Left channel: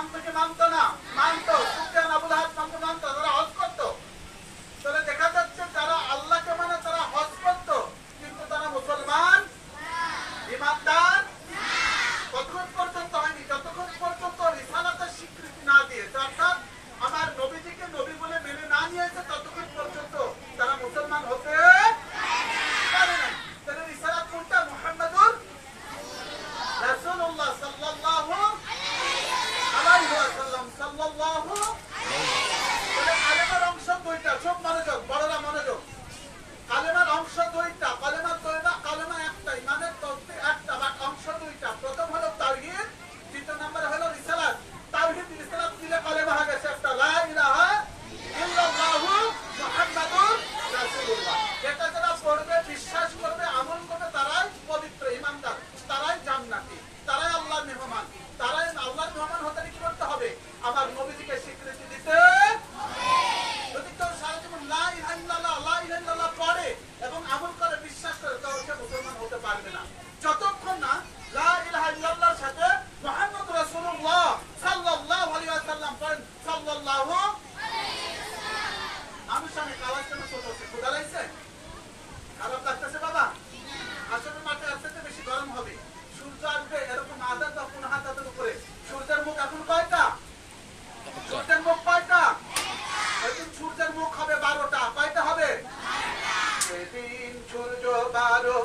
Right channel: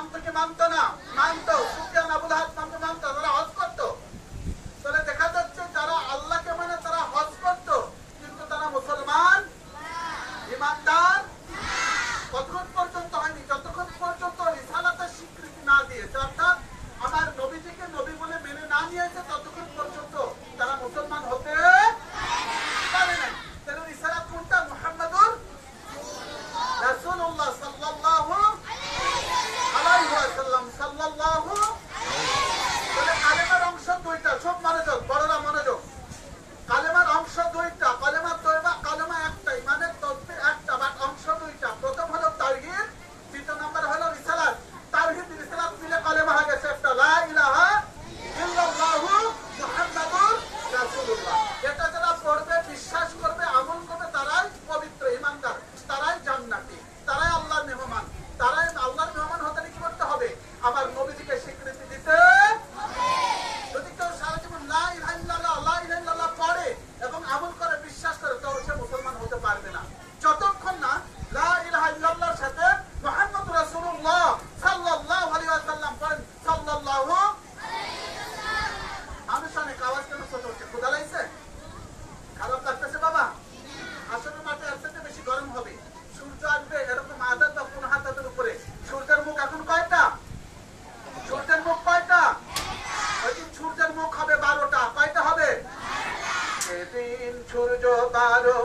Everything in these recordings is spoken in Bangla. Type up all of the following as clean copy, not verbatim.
নাম থেকে মানতো না, মানতো সুফিয়ান আবুল আহাব নামকে মানতো, তারা হজ করতো। তাহলে দেখা যাচ্ছে যারা আল্লাহকে মানে তারা হজ করতো, কিন্তু তারা মুসলমান ইমানদার কতক্ষণ পর্যন্ত হয়নি, যতক্ষণ পর্যন্ত রিসালাতের স্বীকৃতি না দিয়েছে, অর্থাৎ আমার নবীজিকে নবী বলে মেনে না নিয়েছে, ততক্ষণ পর্যন্ত তারা মুসলমান হতে পারে না। তাহলে রিসালাত কোনটা? মুহাম্মাদুর রাসূলুল্লাহ সাল্লাল্লাহু আলাইহি ওয়াসাল্লাম সাল্লাল্লাহু। তাহলে কালেমার অংশ দুইটা, সব মনোযোগ, বড়রা মনোযোগ। কালেমার অংশ দুইটা, কালেমা তয়বা, কালেমা একটা, ইমানের তাসবিহ একটা, বাট অংশ দুইটা। প্রথম হলো তাওহীদ, দ্বিতীয় নাম্বার হলো রিসালাত। তাওহীদ রিসালাত মিলে কালেমা হয়ে গেছে একটা, লা ইলাহা ইল্লাল্লাহু মুহাম্মাদুর রাসূলুল্লাহ। এটা যারা পড়বে, বিশ্বাস করবে, আমল করবে, তারাই পবিত্র ইমানদার, তারাই জান্নাতি, তারাই আল্লাহর মেহমান। তারাই আল্লাহর মেহমান হতে কি করতে হবে? আমার নবীজিকে স্বীকৃতি দিতে। যদি কেউ সারা জীবন লা ইলাহা ইল্লাল্লাহ, লা ইলাহা ইল্লাল্লাহ পড়ে এবং আমল করে, বিশ্বাস করে, তো সে মুসলমান হতে পারবে না যতক্ষণ না লা ইলাহা ইল্লাল্লাহর সাথে মুহাম্মদুর রাসূলুল্লাহ সাল্লাল্লাহু আলাইহি ওয়াসাল্লাম পড়েন। সাল্লাল্লাহু আনুষ্ঠানিক আওয়াজ কেন ছোট হচ্ছে? ক্ষুধা লাগছে? খারাপ লাগতেছে বাবা? আসলে মাঠে এর থেকে বেশি গরম হবে, সূর্য আসবে এরকম আদাত বা 15 হাতের উপরে। সূর্যের মুখ এখন কয়টা? সূর্যের মুখ কয়টা? ওই দিন সূর্যের মুখ হবে 12টা। কয়টা হবে? সেদিন সূর্য 12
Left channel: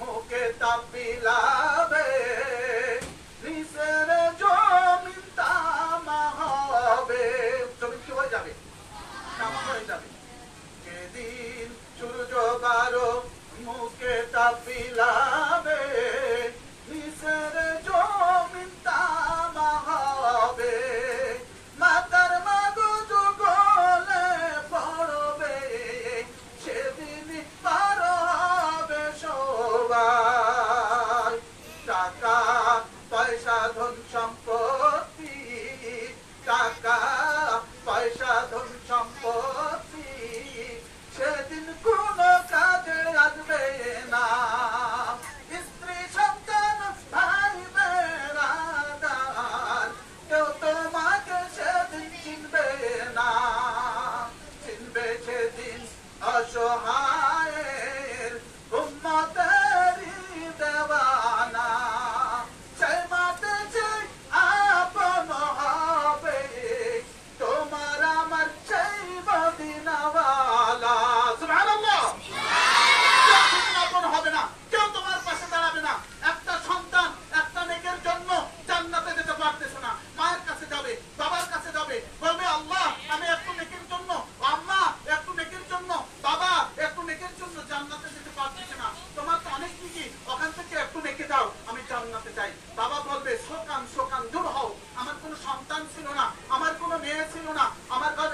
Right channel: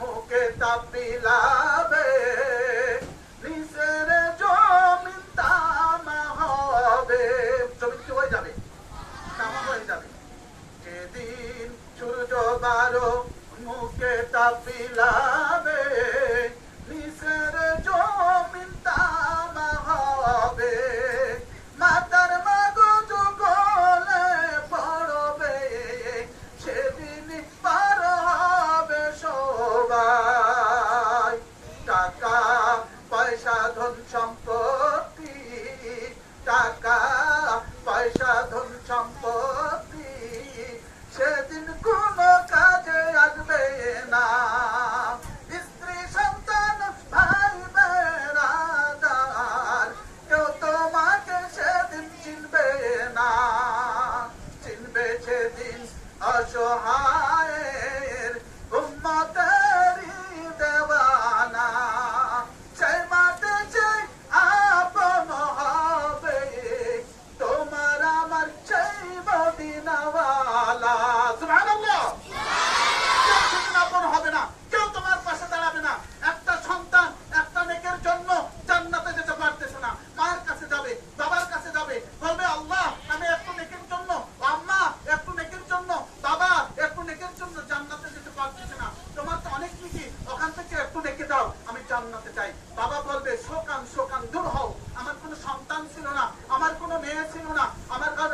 মুখে তাপ বিলাবে, নিচের জমিন তামা হবে। জমিন কি হয়ে যাবে? তামা হয়ে যাবে। সেদিন সূর্য 12 মুখে তাপ বিলাবে, নিচের জমিন তামা হবে। মাতার মগজ গলে পড়বে, সেদিন পার হবে সবাই। টাকা পয়সা ধন সম্পত্তি, টাকা পয়সা ধন সম্পত্তি সেদিন কোনো কাজে আসবে না। স্ত্রী সন্তান ভাই বেড়াদার কেউ তোমাকে সেদিন চিনবে না। চিনবে সেদিন অসহায়ের উম্মতেরই দেওয়ানা। সেই মাঠে যে আপন হবে তোমার আমার সেই মদিনাওয়ালা। সুবহানাল্লাহ। কেউ সেদিন আপন হবে না, কেউ তোমার পাশে দাঁড়াবে না। একটা সন্তান একটা নেকের জন্য জান্নাতে যেতে পারতেছে না, মায়ের কাছে যাবে, বাবার কাছে যাবে, বলবে আল্লাহ আমি একটু নেকের জন্য, আম্মা একটু নেকের জন্য, বাবা একটু নেকের জন্য জান্নাতে যেতে পারতেছে না। তোমার তো অনেক নেকি, ওখান থেকে একটু নেকে দাও, আমি জান্নাতে চাই। বাবা বলবে শোকান শোকান, দূর হও, আমার কোনো সন্তান ছিল না, আমার কোনো মেয়ে ছিল না, আমার ঘর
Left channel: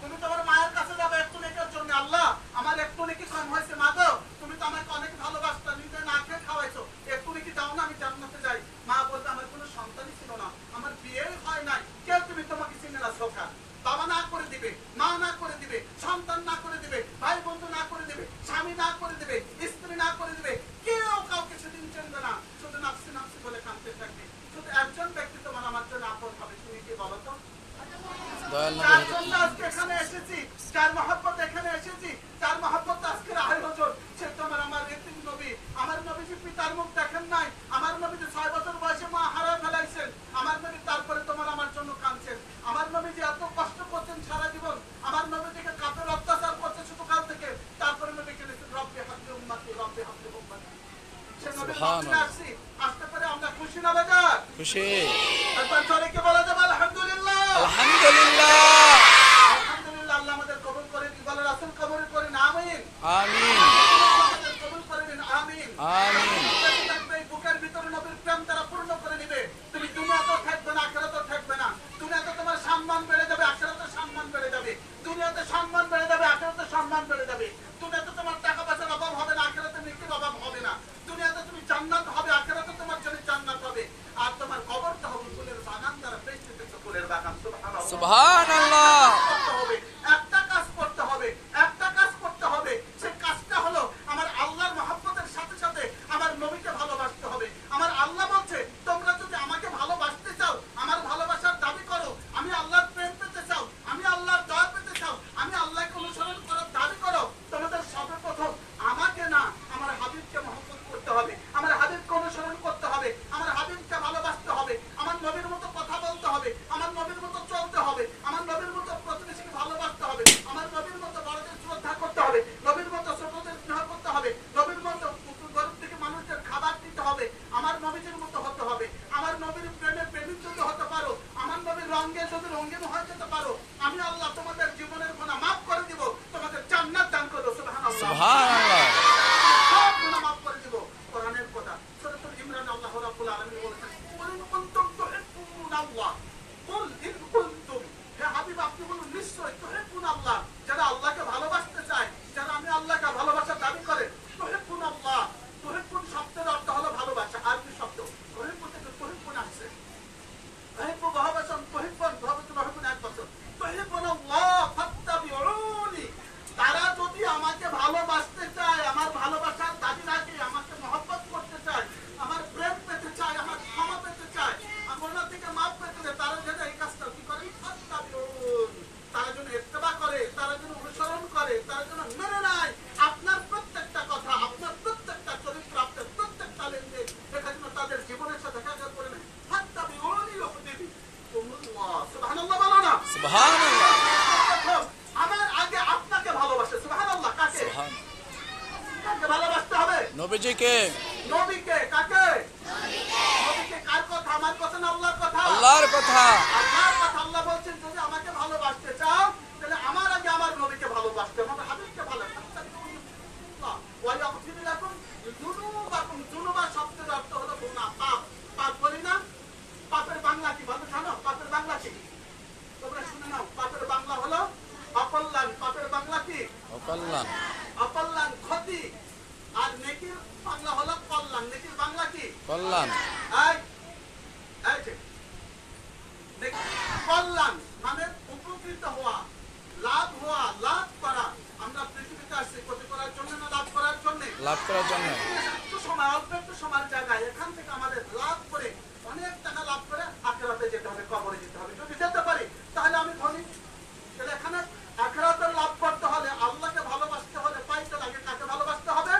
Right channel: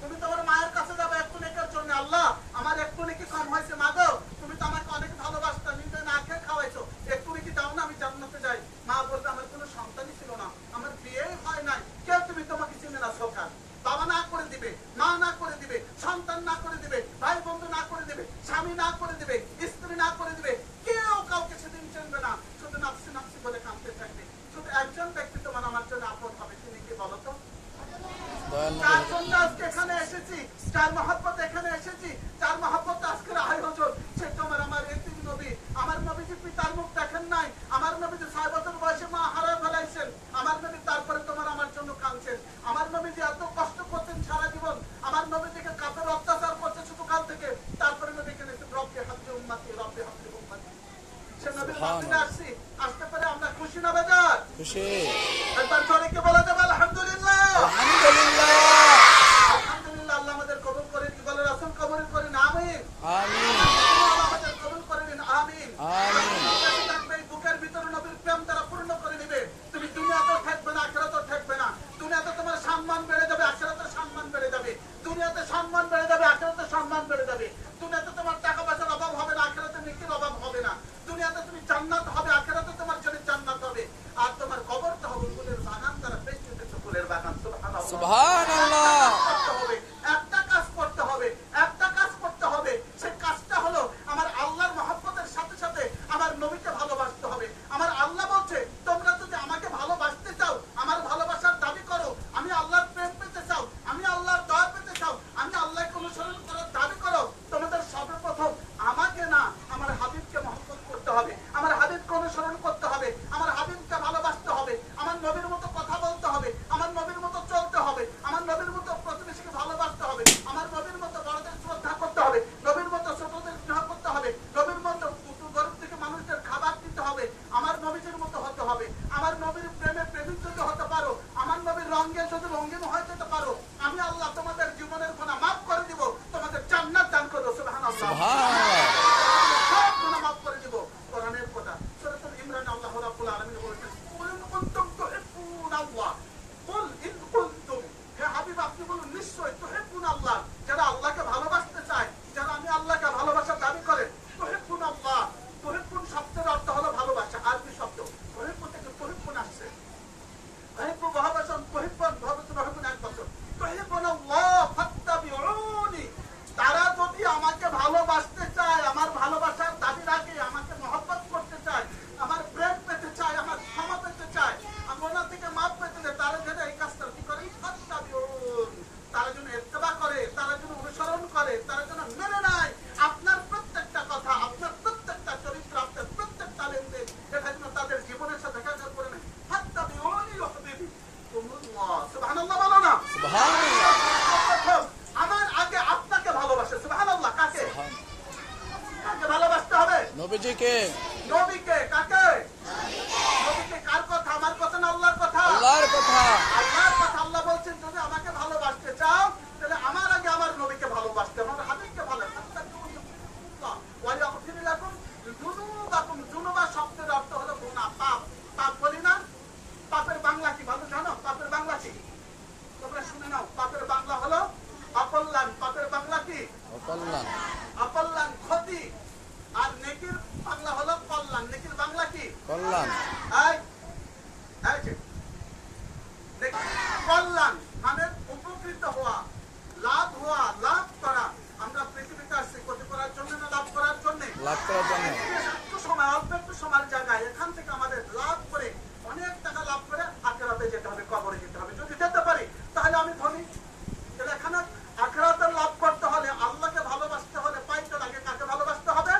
তুমি তোমার মায়ের কাছে যাবে একটু নেকের জন্য, আল্লাহ আমার একটু নেকি কম হয়েছে, মা গো তুমি তো আমাকে অনেক ভালোবাসতা, নিজে না খেয়ে খাওয়াইছো, একটু নেকি দাও না, আমি জান্নাতে যাই। মা বলবে আমার কোনো সন্তানই ছিল না, আমার বিয়েই হয় নাই, কেউ তুমি তোমাকে চিনে না শোকান। বাবা না করে দিবে, মা না করে দিবে, সন্তান না করে দিবে, ভাই বন্ধু না করে দিবে, স্বামী না করে দিবে, স্ত্রী না করে দিবে, কেউ কাউকে সেদিন চিনবে না, শুধু নাফসি নাফসি বলে কাঁদতে থাকবে। শুধু একজন ব্যক্তি তোমার আমার জন্য আপন হবে, তুমি কি বলো তো? যার জন্য আজকে এখানে এসেছি, যার মহব্বত এখানে এসেছি, যার মহব্বত আজকের আয়োজন, সে তোমার আমার এতিম নবী। আমার নবীজি পিতার মুখ দেখেন নাই, আমার নবীজি 6 বছর বয়সে মা হারা ফেলাইছেন, আমার নবী তারপরে তোমার আমার জন্য কাঁদছেন। আমার নবীজি এত কষ্ট করছেন সারা জীবন, আমার নবীজিকে কাপের অত্যাচার করছে শুধু কাল থেকে, তারপরে নবীকে রব্বে হাবলি উম্মতি, রব্বে হাবলি উম্মতি। সে নবীর মাধ্যমে আসছি, আসতে পারে আমরা খুশি না বেজার? খুশি। একবার সবাইকে বলা যাবে আলহামদুলিল্লাহ। আলহামদুলিল্লাহ। আলহামদুলিল্লাহ। আল্লাহ আমাদের কবুল করে, কি বলে রাসূল কবুল করেন, আমিন আমিন। আমাদের কবুল করেন, আমিন আমিন। বুকের ভিতরে নবীর প্রেম তারা পূর্ণ করে দিবে। তুমি দুনিয়াতেও থাকবে না, আখিরাতেও থাকবে না। দুনিয়াতে তোমার সম্মান বেড়ে যাবে, আখিরাতে সম্মান বেড়ে যাবে। দুনিয়াতে সম্মান বেড়ে যাবে, আখিরাতে সম্মান বেড়ে যাবে। দুনিয়াতে তোমার টাকা পয়সার অভাব হবে না, আখিরাতে নেকির অভাব হবে না। দুনিয়াতে তুমি জান্নাত হবে, আখিরাতে তোমার জন্য জান্নাত হবে। আর তোমার কবরটা হবে ফুলের বাগান, দ্বারা বেষ্টিত ফুলের বাগান। সুবহানাল্লাহ সুবহানাল্লাহ। একটা কাজ করতে হবে, একটা কাজ করতে হবে। সেই কাজটা হলো আমার আল্লাহর মহব্বতের সাথে সাথে আমার নবীকে ভালোবাসতে হবে। আমার আল্লাহ বলছে হবে। আমার নবীর প্রেমে প্রেমিক যদি হতে পারো, আমার নবীর রঙে যদি রঙিন হয়ে যেতে পারো, আমি আল্লাহ তোমাদের জীবনের গুনাহ মাফ করে দিব, তোমাদের জান্নাত দান করব। সুবহানাল্লাহ, সুবহানাল্লাহ। সব গুনাহ মাফ করে দিব। কোরআনের কথা সূরাতুল ইমরান আল্লাহ রাব্বুল আলামিন বলেছেন, কুল ইন কুনতুম তুহিব্বুনাল্লাহ, কুল ইন কুনতুম, হে হাবিব আপনি বলুন নিশ্চয় তুহিব্বুনাল্লাহ, যারা আল্লাহকে ভালোবাসতে চায়, যারা আমি আল্লাহকে ভালোবাসার দাবি করে, তুহিব্বুনাল্লাহ, তুহিব্বুন শব্দের অর্থ হলো ভালোবাসা, আরবি শব্দ। তুহিব্বু থেকে তুহিব্বুন আসছে, তুহিব্বু ভালোবাসন, তুহিব্বুন ভালোবাসন এক বছর, তুহিব্বুনাল্লাহ ফাত্তাবিউনি, তারা যদি আমাকে ভালোবাসতে চায়, আমার ভালোবাসার দাবি রাখে, আমাকে মহব্বত করতে চায়, আমার প্রেম পেতে চায়, আমার ক্ষমা পেতে চায়, আমার থেকে মাফ পেতে চায়, তারা যেন এই কাজটা কি করে, ফাত্তাবিউন, তারা যেন ইত্তেবা করে, তারা যেন অনুসরণ করে, তারা যেন মেনে নেয় আপনার প্রত্যেকটা কথা, আপনার প্রত্যেকটা চরিত্র, আপনার প্রত্যেকটা লেনদেন, এটা যেন তাদের জীবনের সাথে দেখা করে নেয়। ফাত্তাবিউনি ইউহিব্বুকুমুল্লাহ, সুবহানাল্লাহ বলো না, সুবহানাল্লাহ। আমার আগে আপনাকে ভালোবাসে। সুবহানাল্লাহ, কাকে কাকে ভালোবাসতে হবে? নবীজিকে। নবীকে। কাকে? নবীকে। কার কথা? আমার কথা না আল্লাহর কথা? আল্লাহর কথা। আল্লাহর কথা। আল্লাহ বলছেন যদি আমাকে ভালোবাসতে চাও তাহলে আমার আগে আমার নবীকে ভালোবাসতে হবে, আমার হাবিবকে ভালোবাসতে হবে। ওয়া ইয়াগফির লাকুম যুনুবাকুম, যুনুবা শব্দের অর্থ হলো গুনাহ, পাপ। পাপ বলি না, পাপের বাংলা কি ভালো জানো? পাপের বাংলা কি তোমরা শুনে নাও। পাপের বাংলা হলো অকল্যাণ। পাপের বাংলা কি? অকল্যাণ। অকল্যাণ, ক্ষতি। আর নেকির বাংলা হলো কল্যাণ। নেকির বাংলা কি? কল্যাণ। কল্যাণ মানে উপকৃত হওয়া, লাভ হওয়া, লাভ করা। আমরা পৃথিবীতে আসছি ক্ষতি করার জন্য না লাভ করার জন্য? লাভ করার জন্য। একটু সময়, অল্প একটু সময়ের জায়গায় এখান থেকে আমাদের লাভ করে, অনেক টাকা লাভ করে আখিরাতে যেতে হবে, কবরে যেতে হবে। যদি যেতে পারি তাহলে আমি ধনী। তাহলে এখানে আখিরাতে লাভ করতে হলে, আল্লাহকে ভালোবাসতে হলে পাইতে লাগে কাকে ভালোবাসতে হবে?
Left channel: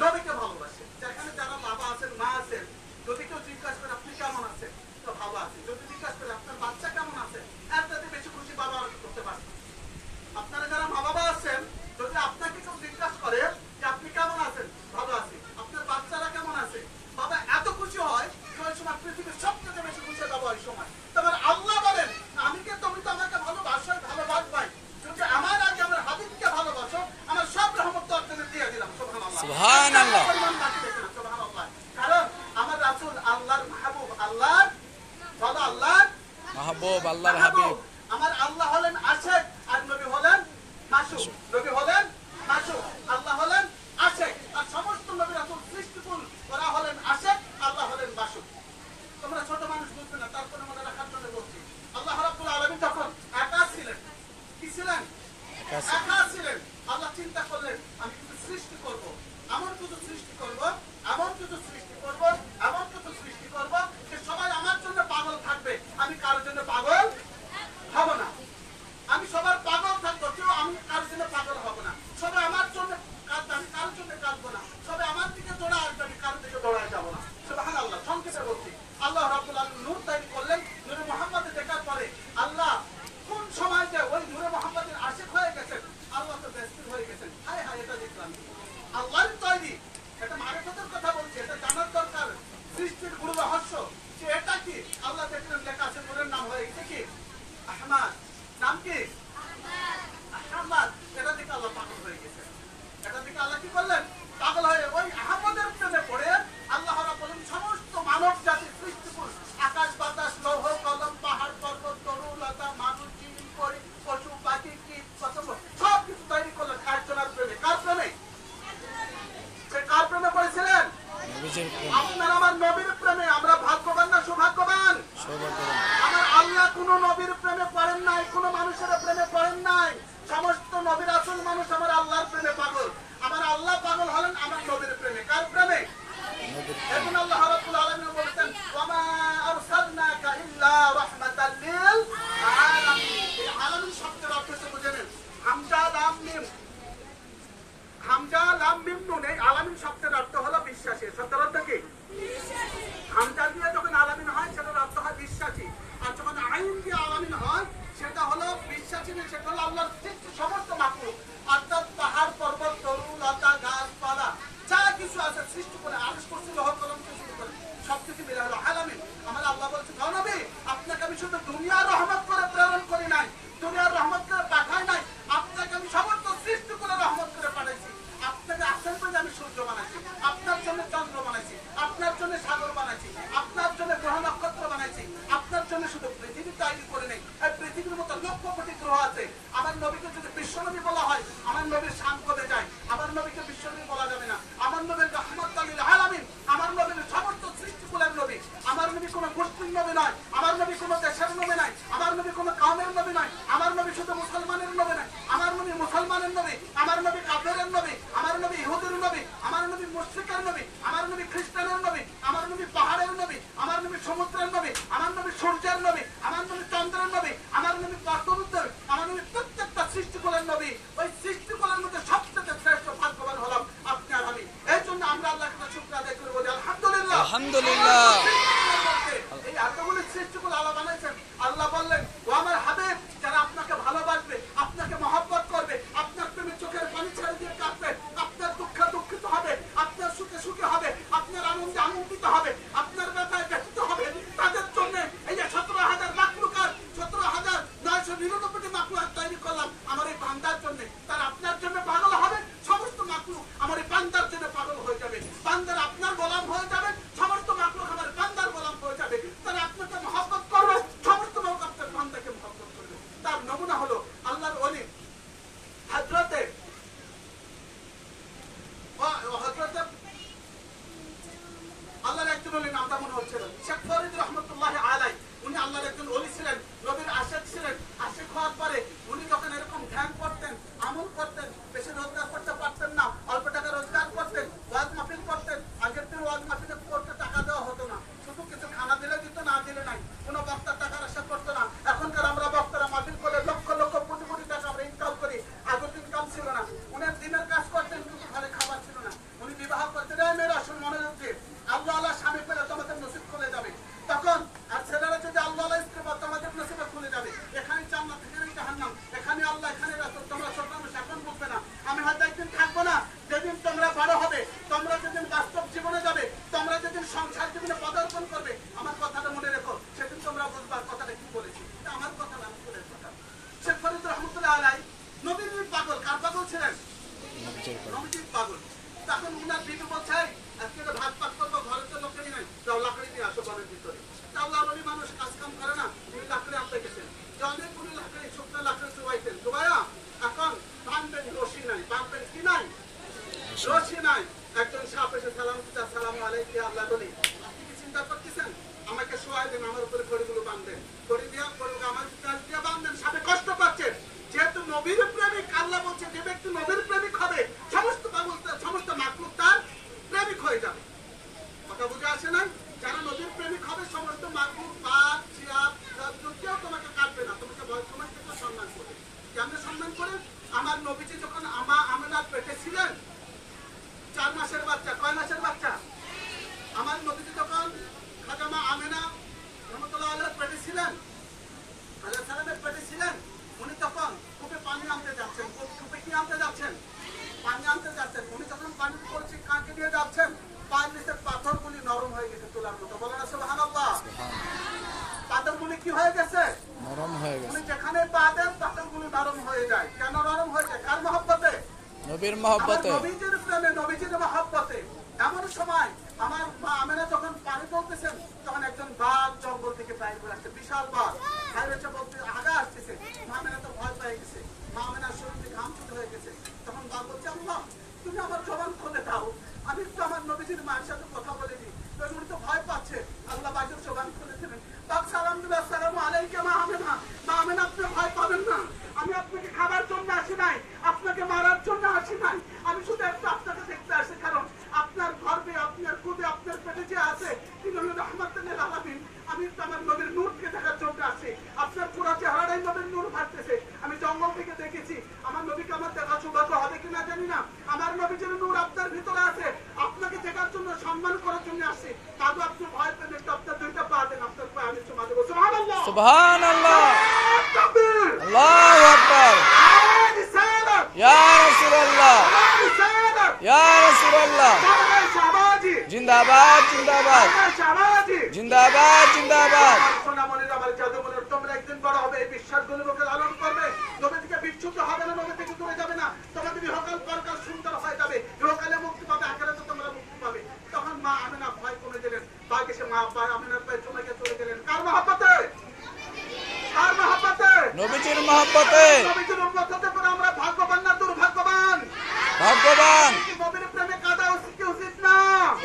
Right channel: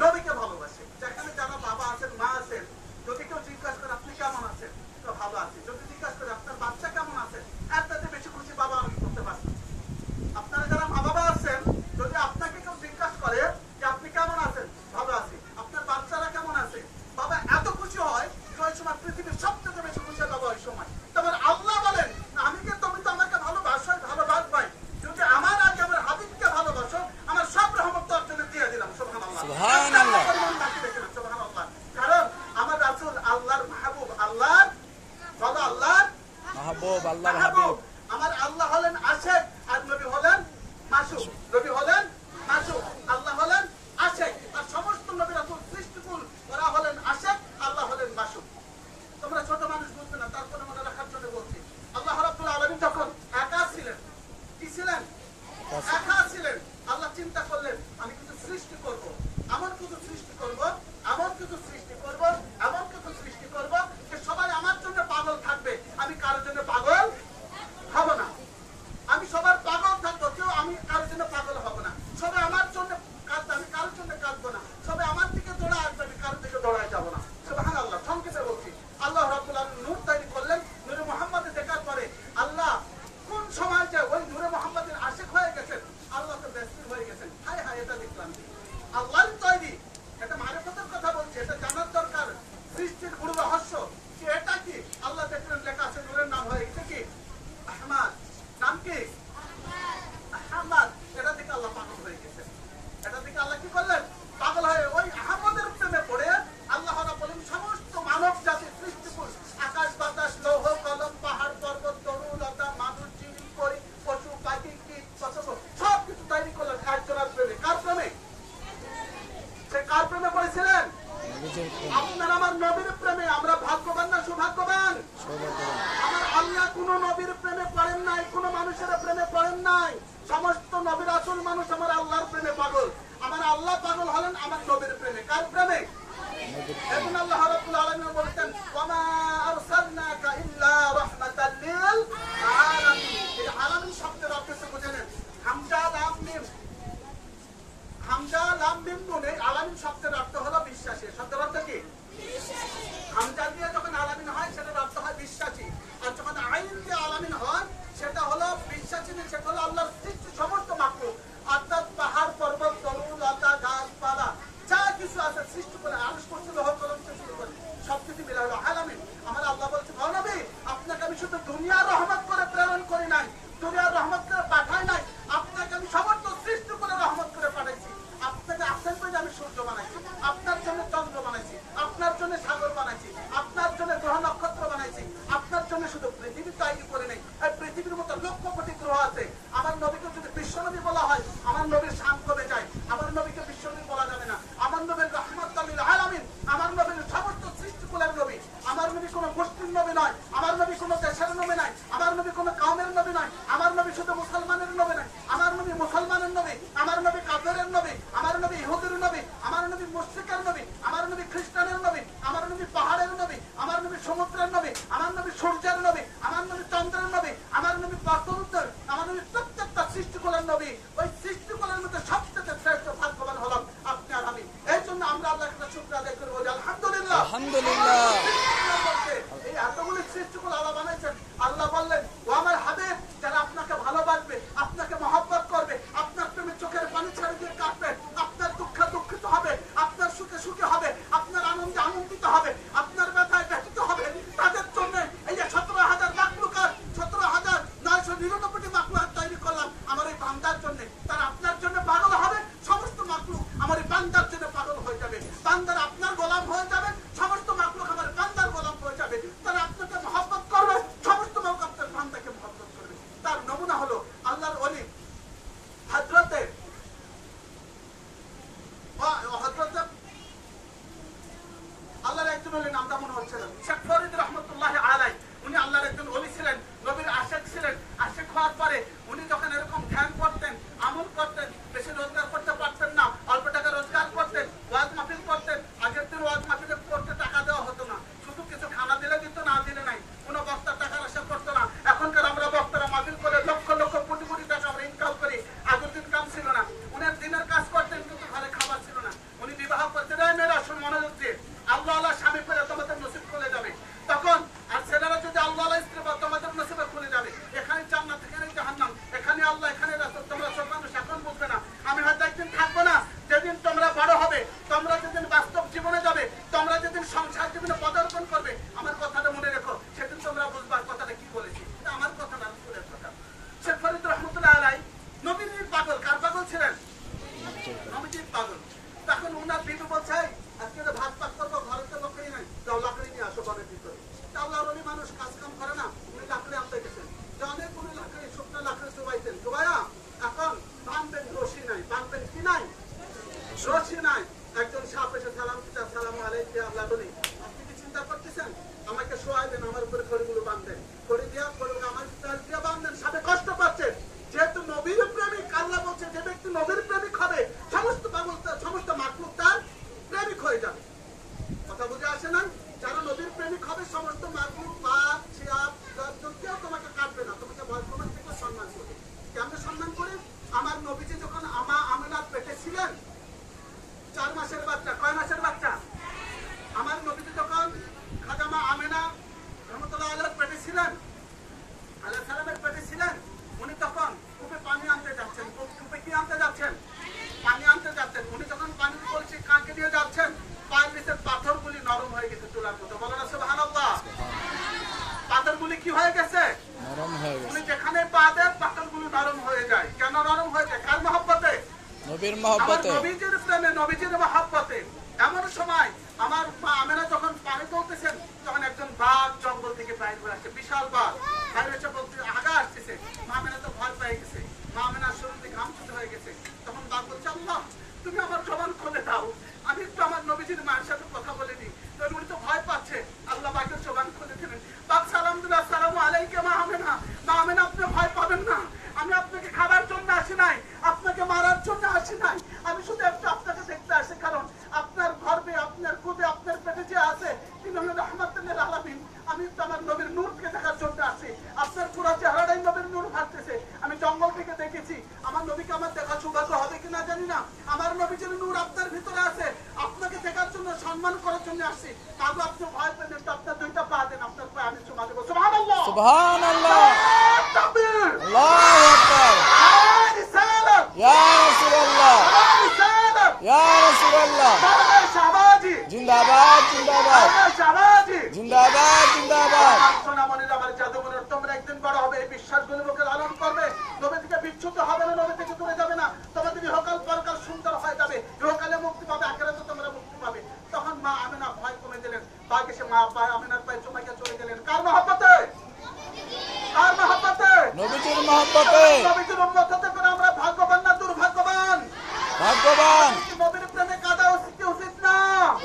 নবীকে ভালোবাসে। যেখানে যারা বাবা আছেন, মা আছেন, যদি কেউ জিজ্ঞাসা করে আপনি কেমন আছেন, তো ভালো আছেন। যদি জিজ্ঞাসা করে আপনার বাচ্চা কেমন আছে, এর থেকে বেশি খুশি বাবা আমি করতে পারছি। আপনারা যারা মা বাবা আছেন, যদি আপনাকে কেউ জিজ্ঞাসা করে যে আপনি কেমন আছেন, ভালো আছি, আপনার বাচ্চারা কেমন আছে, বাবা এত খুশি হয় যে ওই সময় পৃথিবীর সবচেয়ে বেশি খুশি বাবা ওই সময়। তোমার আল্লাহ বলেন আমি কে, তুমি তো আমাকে ভালোবাসো, ভালোবাসবাই। যদি আমার আগে আমার হাবিবকে ভালোবাসো, আমার সব রহমত অর্জনে দিয়ে দিলাম। সুবহানাল্লাহ, সুবহানাল্লাহ। সুবহানাল্লাহ। কারণ আমার রাসূল আল্লাহর মাহবুব, আল্লাহর বলো, আল্লাহর মাহবুব, আল্লাহর মাহবুব। হাবিব। আমার আল্লাহ হলেন আশিক আর নবী হলেন মাশুক। নবী হলেন মাশুক, আল্লাহ হলেন আশিক। আর সমস্ত নবী রাসূল সৃষ্টিকুল, ওরা হলেন আশিক, আল্লাহ হলেন মাশুক। তোমরা ছোট মানুষ বুঝতে না, তারপরে মনে রাখার জন্য বলছি। আল্লাহ রাব্বুল আলামিন যখন একা ছিলেন, কি ছিলেন? একা ছিলেন। আল্লাহ চিন্তা করলেন আমি কিছু সৃষ্টি করব, এমন কিছু সৃষ্টি করব, এমন কিছু সৃষ্টি করব, এমন কিছু সৃষ্টি করব যে সবাই আমার জন্য পাগল থাকবে, আমি কারোর জন্য পাগল হব না। আমি সবার পাগল থাকবো, কেউ আমি কারোর জন্য পাগল হব না। সবাই আমার জন্য কাঁদবে, আমি কারোর জন্য কাঁদবো না। সবাই আমার দিকে দৌড়া আসবে, আমি কারোর দিকে দৌড়ায় যাবো না। সুবহানাল্লাহ। সংক্ষেপে বলছি, আল্লাহ রাব্বুল আলামিন নূর তৈরি করলেন। নূরে মুহাম্মদ দেখার পরে আল্লাহ কোন সময় যে ওই নূরে মুহাম্মদের আশিক হয়ে গেছেন, আল্লাহ তো ব্যস্ত হয়ে গেছেন। হায় হায়, এটা দেখলাম আল্লাহর তৈরি, এটা মারিফতের কথা বলছি, এটা জানার দরকার। সৃষ্টির গুরু রহস্য যে এটা কি, আল্লাহ দেখলেন লেখা আছে নূরের নাম হয়ে গেছে কি আহমদ। নাম কি? আহমদ। এটা দেখে আল্লাহ পাগল হয়ে গেছেন। এটা দেখে আল্লাহ কি করলেন? পাগল হয়ে ওই আহমদের প্রেমে পড়ে আল্লাহ রাব্বুল আলামিন সমস্ত মানব জাতির সৃষ্টিকুল, আকাশ বাতাস, লৌহ কলম, পাহাড় পর্বত, তরু লতা, মানুষ, জিন, পশু পাখি, কীট পতঙ্গ সব কিছু তৈরি করলেন একজনের প্রেমে। কার প্রেমে? সে কার প্রেমে পড়েছিলেন? নবীজির প্রেমে। আপনার আমার নবীর প্রেমে। আমরা ভাগ্যবান না সৌভাগ্যবান? সৌভাগ্যবান। আমার আল্লাহ কোন নবীর প্রেমে পড়েন নাই, কোন মানুষের প্রেমে পড়েন নাই। সমস্ত নবীর আসল মানুষ আমার আল্লাহর প্রেমে পাগল। আমার আল্লাহ পাগল হলেন আমার নবীর প্রেমে। কার প্রেমে? এখন আল্লাহ রাব্বুল আলামিন বলেছেন ওয়ামা আরসালনাকা ইল্লা রাহমাতাল লিল আলামিন। এই আলামিন শব্দের অর্থ কি বুঝে নেন? হামজা লাম মিম, হামজা লাম মিম নুন। এই আলামিন শব্দের অর্থ হলো বিশ্বাসী। শব্দের অর্থ কি? হামজা দিয়ে যখন আলামিন হয় সেটার অর্থ হয় বিশ্বাসী, আর যখন আইন দিয়ে আলামিন হয় সেটা হলো বিশ্বাসী না, সেটা হলো আল্লাহর সৃষ্টি সমস্ত মাখলুক, অর্থাৎ পাহাড় পর্বত, তরু লতা, গাছপালা যা কিছু আছে সৃষ্টি করে আরশ কুরসি লৌহ কলম থেকে শুরু করে সবকিছু বানাইছি, আপনার জন্য গ্রহ নক্ষত্র বানাইছি, আপনার জন্য শুধু পৃথিবী তৈরি করে নেই। এই পৃথিবীর মতো লক্ষ কোটি গ্রহ আছে। আমার নবীকে যদি বিশ্বনবী বলা হয়, আমার নবীর শান কমে যায়। আমার নবীকে বিশ্বনবী বলা যাবে না। আমার নবীর রাহমাতুল লিল আলামিন, আমার নবীর সমস্ত সৃষ্টিকুলের নবী। আমার নবী কোনো মুসলিম নবী নয়, আমার নবী কোনো দেশের নবী নয়, আমার নবী কোনো কওমের নবী নয়, আমার নবী শুধু মুসলমানের নবী নয়, আমার নবী মুসলমানের নবী, আমার নবী কাফেরের নবী, আমার নবী ইহুদির নবী, আমার নবী মুশরিকের নবী, আমার নবী খ্রিস্টানের নবী, আমার নবী পাহাড়ের নবী, আমার নবী সমুদ্রের নবী, আমার নবী সূর্যের নবী, আমার নবী চন্দ্রের নবী, আমার নবী পর্বতের নবী, আমার নবী প্রত্যেকটা সৃষ্টিকুলের নবী। ওই সৃষ্টিকুলের মধ্যে সবচেয়ে শ্রেষ্ঠ ভাগ্যবান হলাম আপনি আর আমি। এই জন্য আমরা আল্লাহর কাছে শুকর আদায় করব যে আলহামদুলিল্লাহ, আলহামদুলিল্লাহ। এই এতগুলি সৃষ্টিকুল আল্লাহ বানাইছেন। আল্লাহ বললেন, ও আমার হাবিব, যারা আপনাকে ভালোবাসবে, আপনাকে মহব্বত করবে, আপনার প্রেমে চোখের পানি ছেড়ে দিয়ে কাঁদবে, আপনার দুঃখে দুঃখিত হবে, আপনার সুখে সুখে হবে, আপনার আনন্দে আনন্দিত হবে, আপনার ব্যথায় ব্যথিত হবে, তাদের জন্য এই যে 17,000 মাখলুকাত, 17,999টি মাখলুকাত তৈরি করলাম আমার এই বান্দার জন্য। তারা আপনার জন্য পাগল হবে, সমস্ত মাখলুক আমার এই বান্দার জন্য পাগল হয়ে যাবে। বান্দার আপনার গোলাম হয়ে যাবে, সমস্ত মাখলুক আমার বান্দার গোলাম হয়ে যাবে। তারা আপনাকে মহব্বত করবে, সমস্ত লোক আপনার বান্দাকে মহব্বত করবে। তার নমুনা হলো আল্লাহর ওলি হযরতে আল্লাহর একজন ওলি, নামটা মনে হচ্ছে না, শেখ ফরিদ রহমতুল্লাহ আলাইহি। উনি আল্লাহর একজন ওলি ছিলেন, নবীর আশিক ছিলেন। আশিক হওয়ার পরে উনি যখন এরকম ধ্যান করতেন, আমল করতেন, বেশি রোজগার করতে পারতেন না, অল্প টাকা রোজগার করতেন, ওয়াজ মাহফিল করতেন। আগের দিন ওয়াজ মাহফিলে করতে টাকা দেওয়া হতো না, শুধু কিছু খানা দিলে দিত, না দিলে নাই। কোনো বক্তার টাকার আশা করতো না। এখনকার আমরা বক্তারা মাহফিল করে লক্ষ লক্ষ কোটি কোটি টাকা আমরা ইনকাম করি। আগের দিন কাম ছিল না, উনি দিনের কাজ করতেন কিন্তু ঘরে খাবার ছিল না। উনি বিবাহ করতেন, এই মেয়েরা শুন মনোযোগ দিয়ে, আল্লাহ আল্লাহ স্বামী পেলে তোমাদের নসিব খুলে যাবে। তখন আর ছেলেরা যদি আল্লাহ আল্লাহ স্ত্রী বা তোমাদের নসিবে খুলে যাবে। এখানে জান্নাত, এখানে জাহান্নাম, এখানে আল্লাহ, এখানে রাসূল। তোমরা ছোট মানুষ এখন বুঝবে না, আমি হয়তো একদিন থাকবো না। যেদিন তোমরা বড় হবে, তোমরা যেদিন বাস্তব জীবনে যাবে, তোমরা যেদিন সংসার জীবনে পদার্পণ করবে, আমার কথাটা মনে রেখো, সেদিন তোমরা বুঝবা কথাটা কি বলেছি। আমার কথা না, রাসূলের কথা। শেখ ফরিদ রহমতুল্লাহ আলাইহি নবীর পাগল। কার পাগল ছিলেন? নবীজির পাগল। তখন উনার বিবি বলছে, আজকে তো ভাত পাক করবো, ঘরে তো লোকই নাই, যাও লাকড়ি নিয়ে আসো বনের ভিতরে। আল্লাহর ওলি মানুষ কাজ কাম করে না, উনি লাকড়ি আনতে গেছেন। অনেকগুলি লাকড়ি, শুকনো লাকড়ি চুবাইতেন। চুবাইয়া এখন বানবেন, রশি নাই। বানবেন কি নাই? রশি নাই। একজন সাপ এসে সালাম দিতে, আসসালামু আলাইকুম আল্লাহর ওলি, আপনি কি চিন্তা করতেছেন? আমাকে শোয়াই দেন, আমার উপরে খড়িগুলো বাঁধবেন, খড়ি দিয়া খড়িগুলো আমার কাছ দিয়ে বাঁধবেন। সাপে কষ্ট পাচ্ছেন, যেহেতু নবীর প্রেমিক। আল্লাহ বলছে, যে ব্যক্তি নবীর প্রেমিক হবে, সমস্ত পাগল, সমস্ত মাখলুক তার প্রেমিক হয়ে যাবে। কথা বুঝে আসে নাই? যারা নবীর প্রেমিক হবে, সমস্ত মাখলুক, বাপ, চিয়াপ, কেউ তোমাকে কাটবে না, তোমাকে ভয়, তোমাকে সম্মান করবে। কেমনে সম্মান করে? আমার নবীজি যখন আমেনার পেটে ছিলেন, 4 মাসের বাচ্চা। কয় মাসের বাচ্চা? আমার নবীজি যখন খাজামা আমেনা রহমতুল্লাহ আলাইহির পেটে ছিলেন, আলাইহিস সালামের পেটে ছিলেন, উনি তখন কূপে পানি আনতে যাচ্ছেন। কূপে কি আনতে যাচ্ছেন? পানি আনতে যাচ্ছেন। উনি যখন পানি বলছে কাঁকে দিয়ে যাচ্ছেন, পায়ের নিচের পাথরগুলি নরম হয়ে গেছে, তুলার মতো। বলো না সুবহানাল্লাহ। পাথরগুলি কি হয়ে গেছে? নরম হয়ে গেছে। উনি যেখানে পা দেন, পাথরগুলি নরম হয়ে যায়। কেন নরম হয়ে যায়? কার মহব্বতে? নবীর মহব্বতে, নবীজির প্রেমে, নবীজির মহব্বতে। এমন সময় আমার মা আমেনা যখন পানি তুলতেছেন, তখন একজন বাঘ জঙ্গল থেকে বাইরে করে আসছে, বিশাল বাঘ বাইরে এসে বলতে আগা আসতেছে। মা আমেনা তো ভয় পেয়ে গেছে, মা আমেনার শরীর থেকে ঘাম ছুটে হয়ে গেছে। তখন বাঘ বলছে, আল্লাহ তুমি আমার জবান খুলে দাও, আমি একটু আমার নবীজির মায়ের সাথে কথা বলে দিই। উনি তো ভয় পাচ্ছে, আল্লাহ বাঘের জবান খুলে দিলেন। বাঘ সালাম দিল, আসসালামু আলাইকুম মা আমেনা। মা আমেনা, আপনি ভয় পাবেন না, আমি আপনাকে খাবার জন্য আসি নাই, আপনাকে মারার জন্য আসি নাই, আমি শুধু একটু আপনাকে দেখতে আসি। কারণ আপনার গর্বে, আপনার কুবে, আপনার পেটে যে আছে, তিনি হলেন রাহমাতুল লিল আলামিন। আমি তো আমার নবীর নূরকে দেখার জন্য আসি। আপনার পুরো চেহারাটাই নবীর নূর ভাসতেছে। আমি জঙ্গল থেকে দেখেছি, আমার নবীকে আমার দেখা সৌভাগ্য হবে কিনা জানি না। আমার নবীর নূর আপনার ভিতরে আছে, আপনাকে দেখার জন্য, সম্মান করার জন্য আসছি। কাজু আপনি ভয় পেলেন, একটু আপনার 2টা পা দেন, আপনার পায়ে আমি চুমা দেবো। সুবহানাল্লাহ, সুবহানাল্লাহ, তাকবীর, আল্লাহু আকবার, রিসালাত, ইয়া রাসূলুল্লাহ, রিসালাত, ইয়া রাসূলুল্লাহ, শাহবাজি, জিন্দাবাদ, জিন্দাবাদ, শাহবাজি, জিন্দাবাদ, জিন্দাবাদ। সোনামণির, আমার জাদুমণির, তোমরা একদিন বড় হবে, এই বিশ্বাসগুলো লোকে লালন করবে। নবী থেকে বিচ্যুত হবে না, নবী থেকে দূরে যাবে না। তোমাদের ইহকাল পরকাল সুন্দর হয়ে যাবে, ইহকালে মুক্তি পাবে, আখিরাতে তোমরা মুক্তি পাবে। তখন মা আমেনা ভয় কমে দিলেন। পাক এসে মা আব্বা আমিনার পায়ে চুমাইকে চলে গেলেন কার মহব্বতে? কার মহব্বতে? নবীজির মহব্বতে। নবীজির উম্মত হতে করে আমরা ভাগ্যবান না দুর্ভাগ্যবান? ভাগ্যবান। নবীর প্রেমে কাঁদা উচিত না?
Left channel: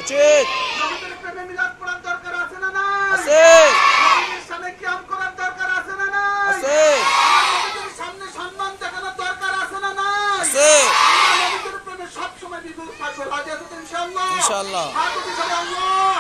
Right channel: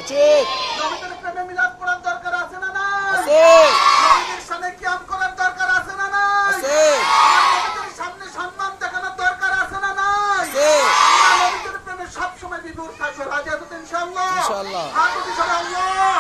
উচিত। নবীর প্রেমে মিলাদ পড়ার দরকার আছে না না? আছে। নবীর সামনে কিয়াম করার দরকার আছে না না? আছে। আমার নবীর সামনে সম্মান দেখানোর দরকার আছে না না? আছে। আমরা নবীর প্রেমে সব সময় বিভোর থাকবো। রাজি আছো তো ইনশাআল্লাহ? ইনশাআল্লাহ। হাত উঠে যাবে আল্লাহ।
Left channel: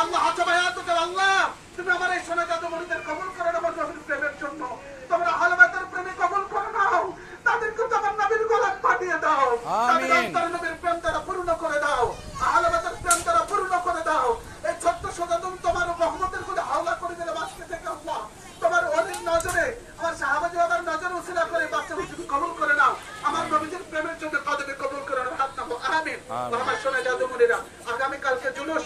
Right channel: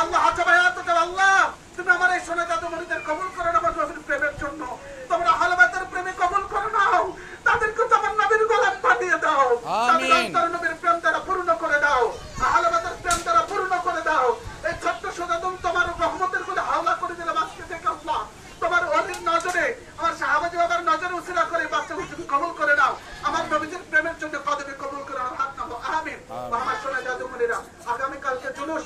আল্লাহ হাত উঠে হাত উঠে আল্লাহ। তুমি আমার এই সোনা জাদুমণিদের কবুল করে নাও আমার নবীর প্রেমের জন্য। তোমরা আহলে বাইতের প্রেমে কবুল করে নাও। তাদেরকে তোমার নবীর গোলাম পাঠিয়ে দাও। আমিন। তাদের অন্তর নবীর প্রেম দ্বারা পূর্ণ করে দাও। আহলে বাইতের প্রেম দ্বারা পূর্ণ করে দাও। এই ছোট্ট সোনাদম তোমার রহমতের করে হাওলা করে দিলে আজকে থেকে আল্লাহ। তোমার অলির নজরে আমার সাহাবাজি বাবার নজরে উসিলা করে বাচ্চাকে তুমি কবুল করে নাও। আমার নবীদের প্রেমের জন্য কদমে কবুল করে নাও। হাত নামো আমিন। আমার সোনা জাদুমণিরা আগামীকালকে জুলুস